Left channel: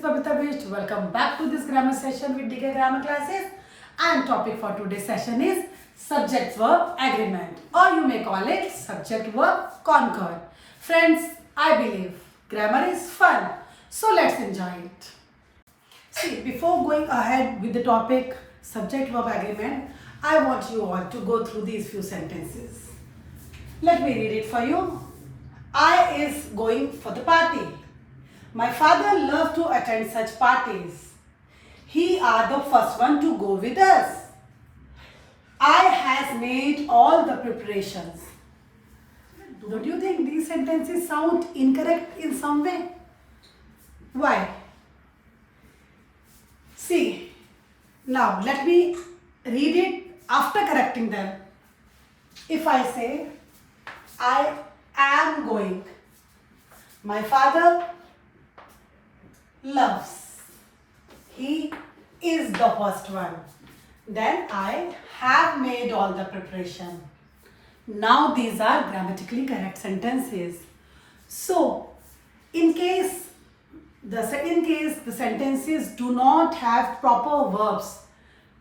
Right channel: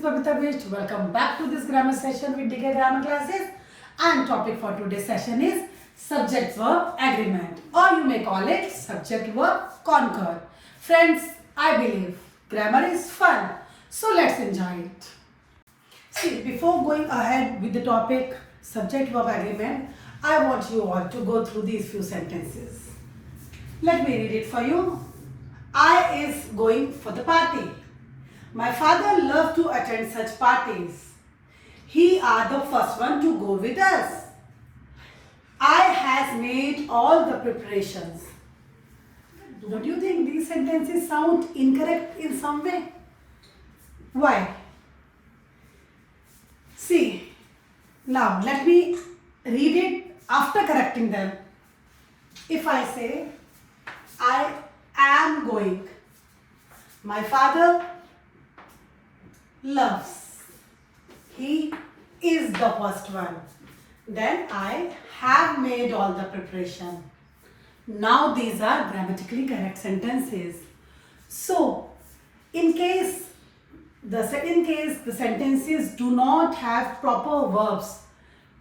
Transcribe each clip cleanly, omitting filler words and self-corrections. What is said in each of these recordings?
is Babita Bist. Welcome back to this grammar session with DK Grammar Classes. And topic for today's session is subject verb agreement, or you may call it subject verb concord. Friends, I believe grammar is fun, so let's enjoy it. See, before going ahead with the topic subject verb agreement, I want you all to go through these few sentences. Let me read it for you. I is going for the party. My father loved to attend such parties. He are the first one to go with us. I has made all the preparations. Don't you think these sentences sound incorrect in some way? Why? See, now let me read it after correcting them. If I say, I am going. My father loves. He is the first one. Then I have made all the preparation. Now these are grammatically correct sentences. So, in case the sentences do not have proper verbs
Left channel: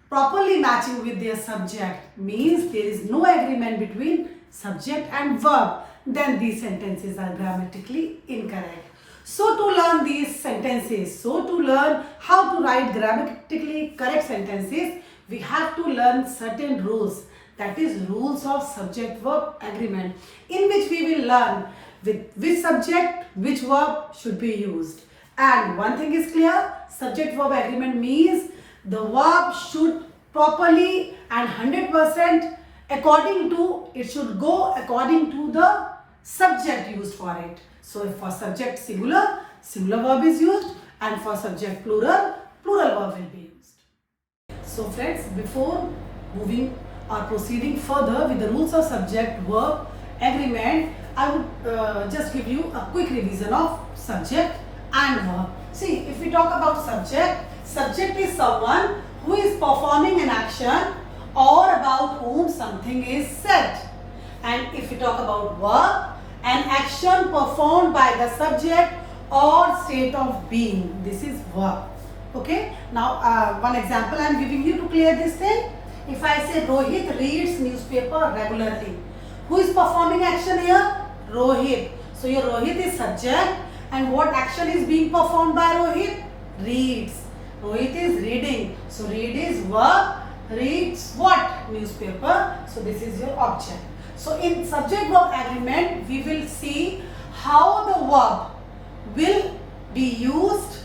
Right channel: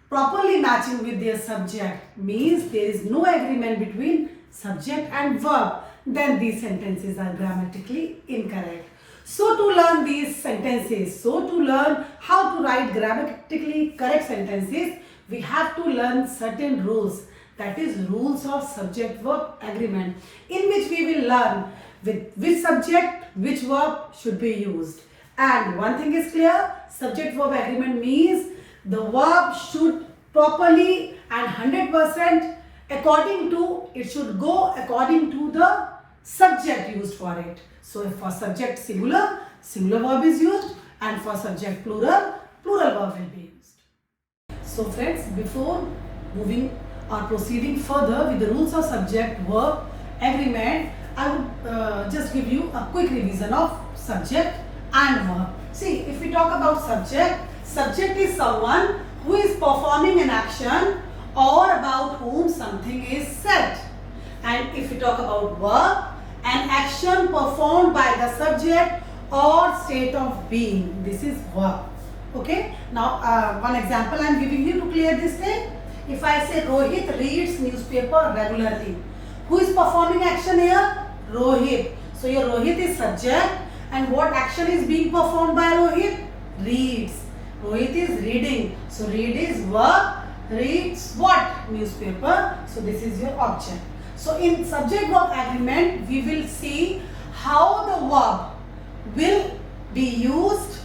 properly matching with their subject, means there is no agreement between subject and verb, then these sentences are grammatically incorrect. So to learn these sentences, so to learn how to write grammatically correct sentences, we have to learn certain rules, that is rules of subject verb agreement, in which we will learn with which subject, which verb should be used. And one thing is clear, subject verb agreement means the verb should properly and 100% it should go according to the subject used for it. So if for subject singular, singular verb is used, and for subject plural, plural verb will be used. So friends, before moving or proceeding further with the rules of subject verb agreement, I would just give you a quick revision of subject and verb. See, if we talk about subject, subject is someone who is performing an action or about whom something is said. And if we talk about verb, an action performed by the subject or state of being. This is verb. Okay. Now, one example I am giving you to clear this thing. If I say Rohit reads newspaper regularly, who is performing action here? Rohit. So your Rohit is subject, and what action is being performed by Rohit? Reads. Rohit is reading. So read is verb. Reads what? Newspaper. So this is your object. So in subject verb agreement, we will see how the verb will be used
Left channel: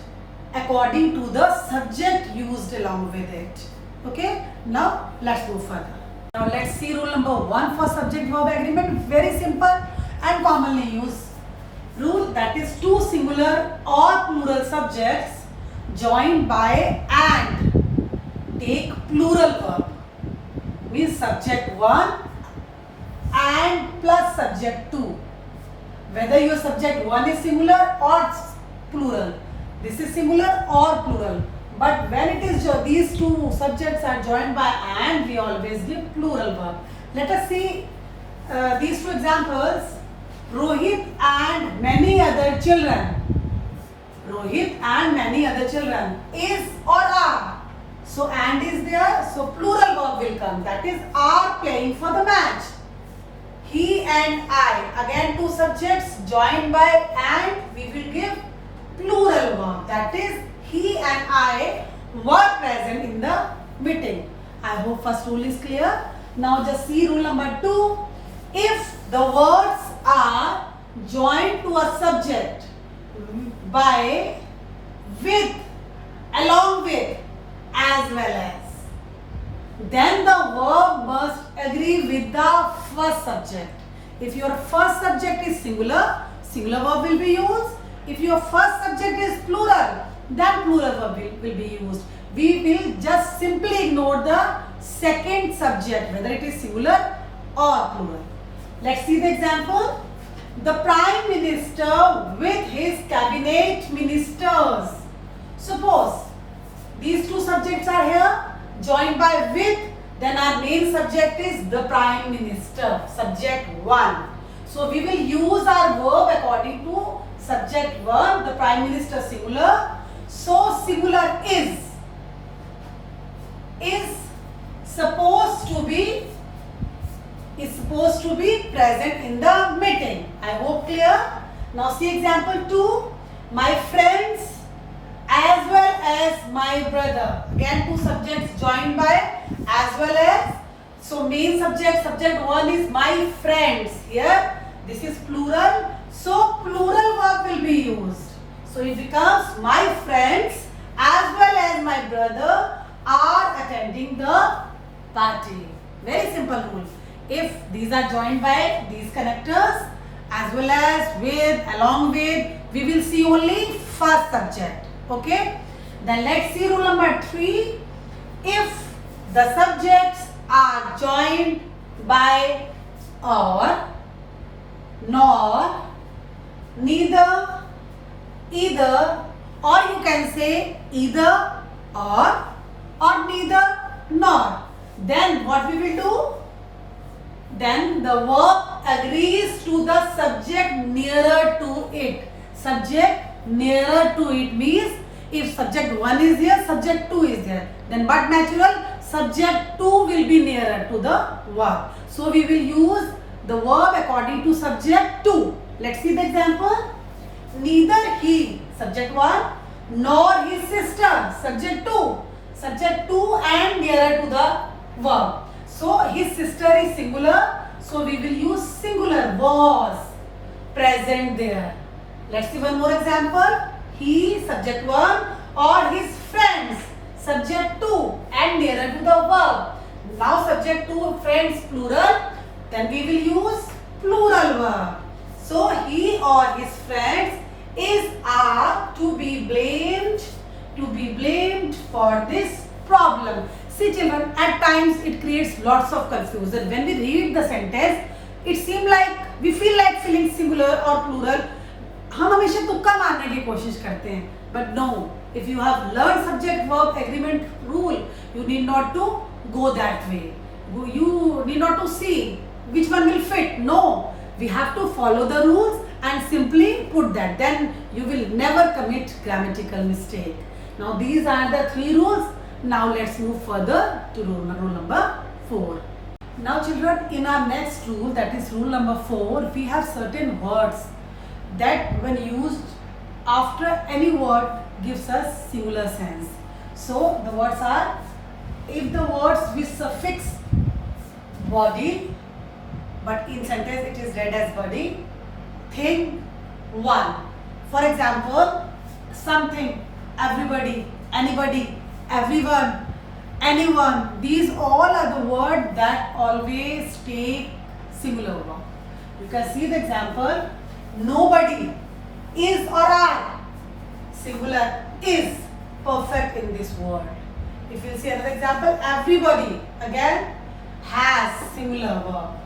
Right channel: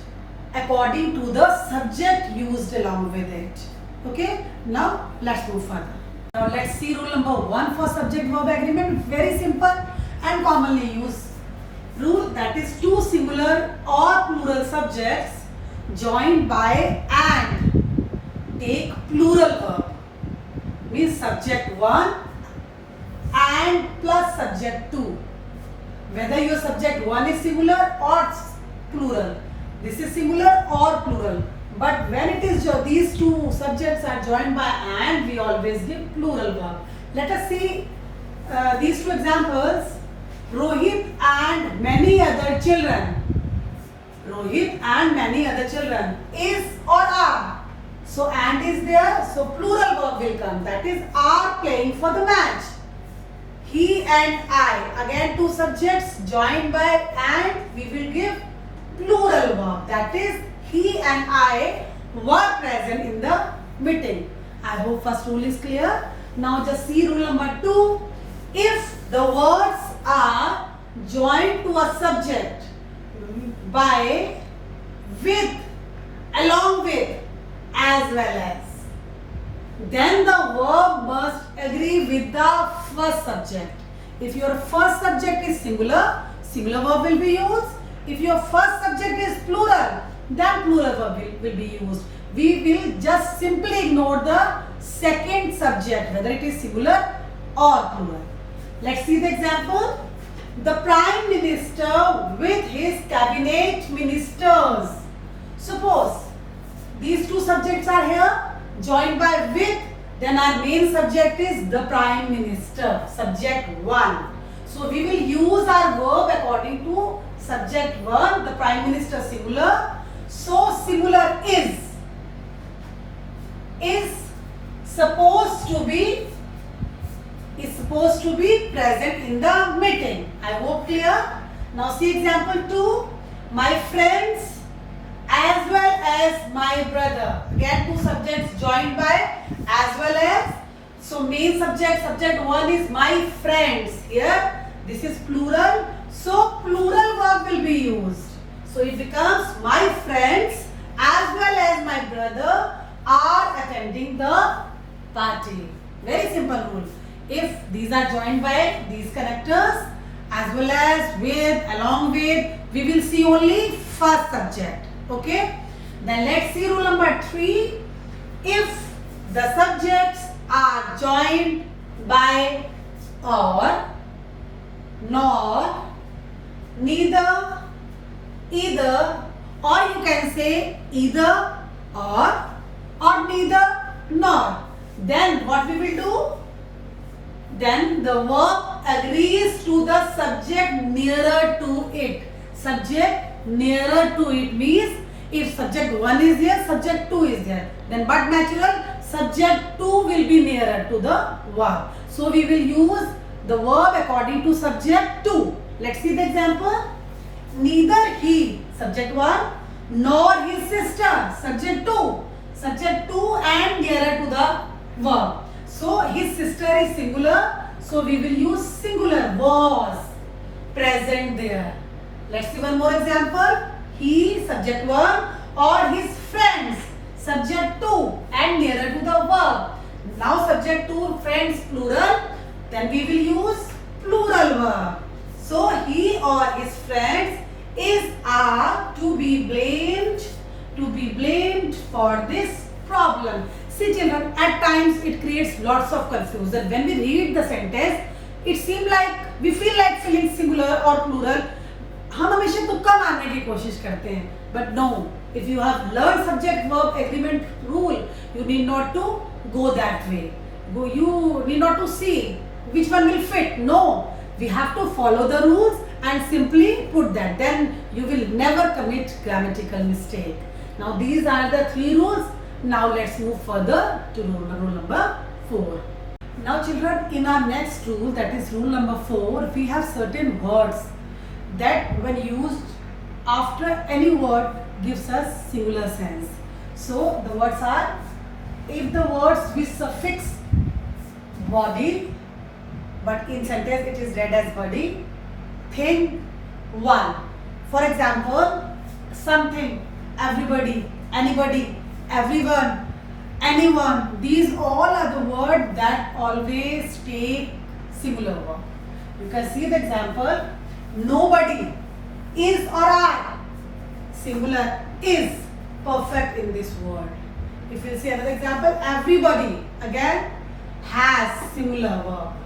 according to the subject used along with it. Okay. Now let's go further. Now let's see rule number 1 for subject verb agreement. Very simple and commonly used rule, that is two singular or plural subjects joined by and take plural verb. Means subject 1 and plus subject 2. Whether your subject 1 is singular or plural. This is singular or plural. But when it is these two subjects are joined by and, we always give plural verb. Let us see these two examples. Rohit and many other children. Rohit and many other children. Is or are. So and is there. So plural verb will come. That is are playing for the match. He and I, again two subjects joined by and, we will give plural verb. That is he and I were present in the meeting. I hope first rule is clear. Now just see rule number 2. If the words are joined to a subject by, with, along with, as well as, then the verb must agree with the first subject. If your first subject is singular, singular verb will be used. If your first subject is plural, then plural verb will be used. We will just simply ignore the second subject, whether it is singular or plural. Let's see the example. The Prime Minister with his cabinet ministers. Suppose these two subjects are here, joined by with, then our main subject is the Prime Minister, subject 1. So we will use our verb according to subject verb, the Prime Minister singular. So singular is supposed to be present in the meeting. I hope clear. Now see example 2. My friends as well as my brother. Again two subjects joined by as well as. So main subject 1 is my friends. Here this is plural. So plural verb will be used. So it becomes my friends as well as my brother are attending the party. Very simple rule. If these are joined by these connectors as well as with, along with, we will see only first subject. Okay. Then let's see rule number 3. If the subjects are joined by or, nor, neither, either, or you can say either or neither nor, then what we will do? Then the verb agrees to the subject nearer to it. Subject nearer to it means if subject 1 is there, subject 2 is there. Then but natural, subject 2 will be nearer to the verb. So we will use the verb according to subject 2. Let's see the example. Neither he, subject 1, nor his sister, subject 2. Subject 2 and nearer to the verb. So his sister is singular. So we will use singular, was present there. Let's see one more example. He, subject 1, or his friends, subject 2 and nearer to the verb. Now subject 2, friends, plural. Then we will use plural verb. So he or his friends are to be blamed for this problem. See children, at times it creates lots of confusion. When we read the sentence, it seems like we feel like feeling singular or plural. हम हमेशा तुक्का मारने की कोशिश करते हैं. But no, if you have learned subject verb agreement rule, you need not to go that way. You need not to see which one will fit. No, we have to follow the rules and simply put that. Then you will never commit grammatical mistake. Now these are the 3 rules. Now let's move further to rule number 4. Now children, in our next rule, that is rule number 4, we have certain words that when used after any word gives us singular sense. So the words are, if the words with suffix body, but in sentence it is read as body, thing, one. For example, something, everybody, anybody, everyone, anyone. These all are the words that always take singular verb. You can see the example. Nobody, is or are, singular, is perfect in this word. If you see another example, everybody, again, has singular verb.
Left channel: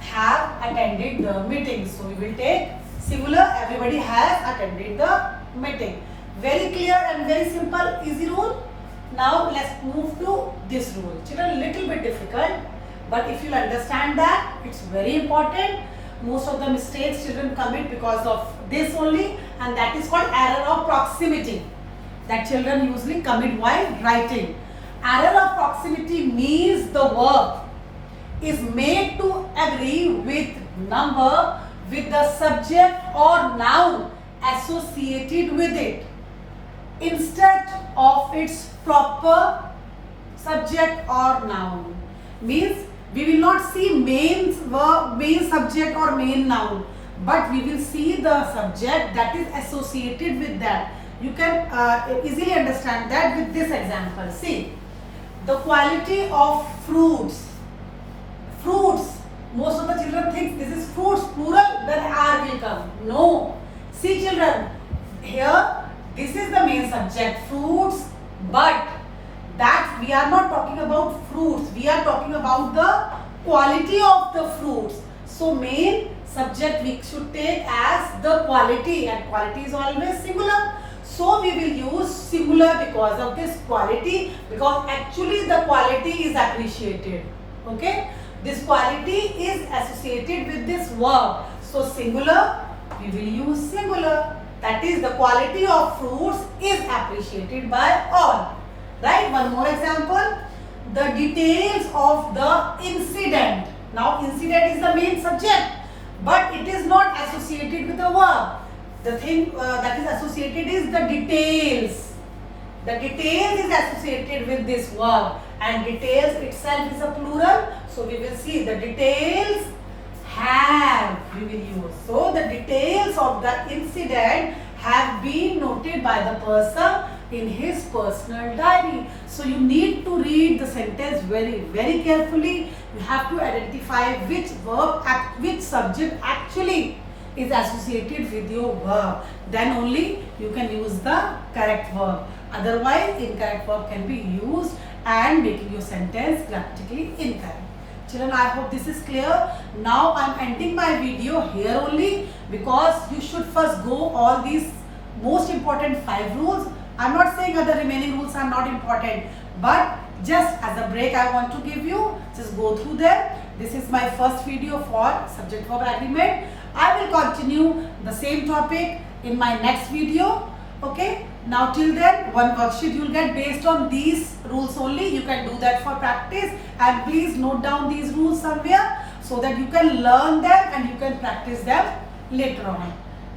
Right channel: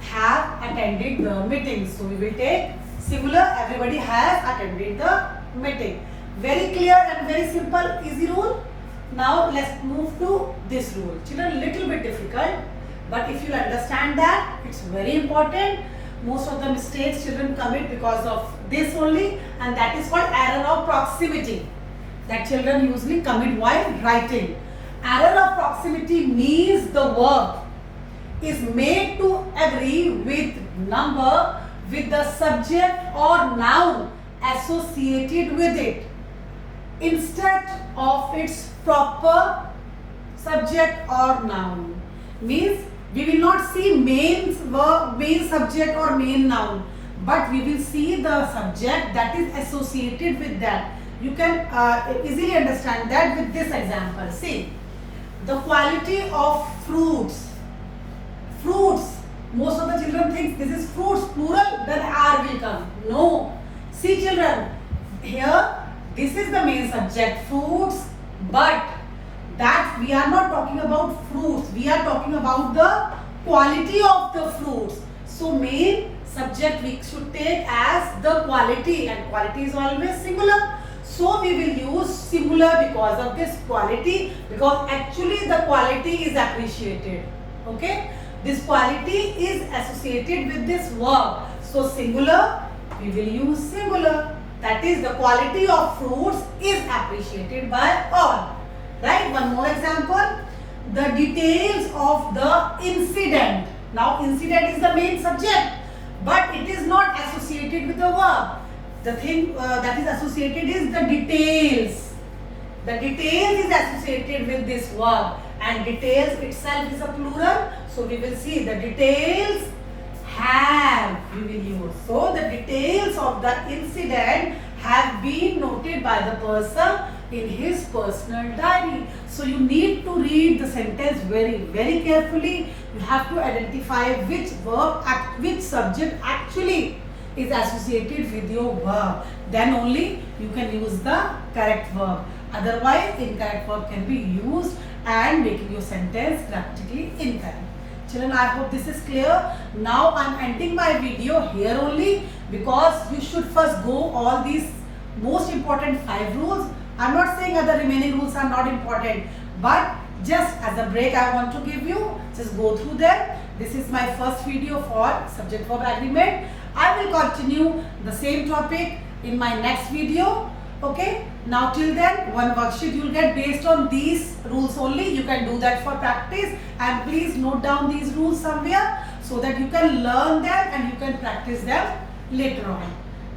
Have attended the meeting. So we will take singular, everybody has attended the meeting. Very clear and very simple, easy rule. Now let's move to this rule. Children, little bit difficult, but if you understand that, it's very important. Most of the mistakes children commit because of this only, and that is called error of proximity, that children usually commit while writing. Error of proximity means the verb is made to agree with number with the subject or noun associated with it instead of its proper subject or noun. Means we will not see main verb, main subject or main noun, but we will see the subject that is associated with that. You can easily understand that with this example. See, the quality of fruits. Fruits. Most of the children think this is fruits, plural, then R will come. No. See children, here this is the main subject, fruits, but that we are not talking about fruits. We are talking about the quality of the fruits. So main subject we should take as the quality, and quality is always singular. So we will use singular because of this quality, because actually the quality is appreciated. Okay. This quality is associated with this verb. So singular, we will use singular. That is, the quality of fruits is appreciated by all. Right? One more example. The details of the incident. Now, incident is the main subject, but it is not associated with the verb. The thing that is associated is the details. The details is associated with this verb, and details itself is a plural. So we will see the details have, we will use. So the details of the incident have been noted by the person in his personal diary. So you need to read the sentence very carefully. You have to identify which verb, which subject actually is associated with your verb. Then only you can use the correct verb. Otherwise, incorrect verb can be used and making your sentence grammatically incorrect. Children, I hope this is clear. Now I am ending my video here only, because you should first go all these most important 5 rules. I am not saying other remaining rules are not important, but just as a break I want to give you, just go through them. This is my first video for subject verb agreement. I will continue the same topic in my next video. Okay, now till then, one worksheet you will get based on these rules only. You can do that for practice, and please note down these rules somewhere so that you can learn them and you can practice them later on.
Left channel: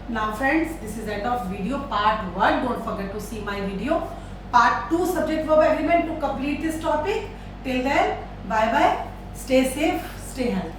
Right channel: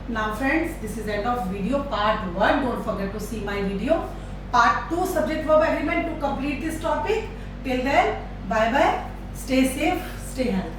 Now friends, this is end of video part 1. Don't forget to see my video part 2 subject verb agreement to complete this topic. Till then, bye bye, stay safe, stay healthy.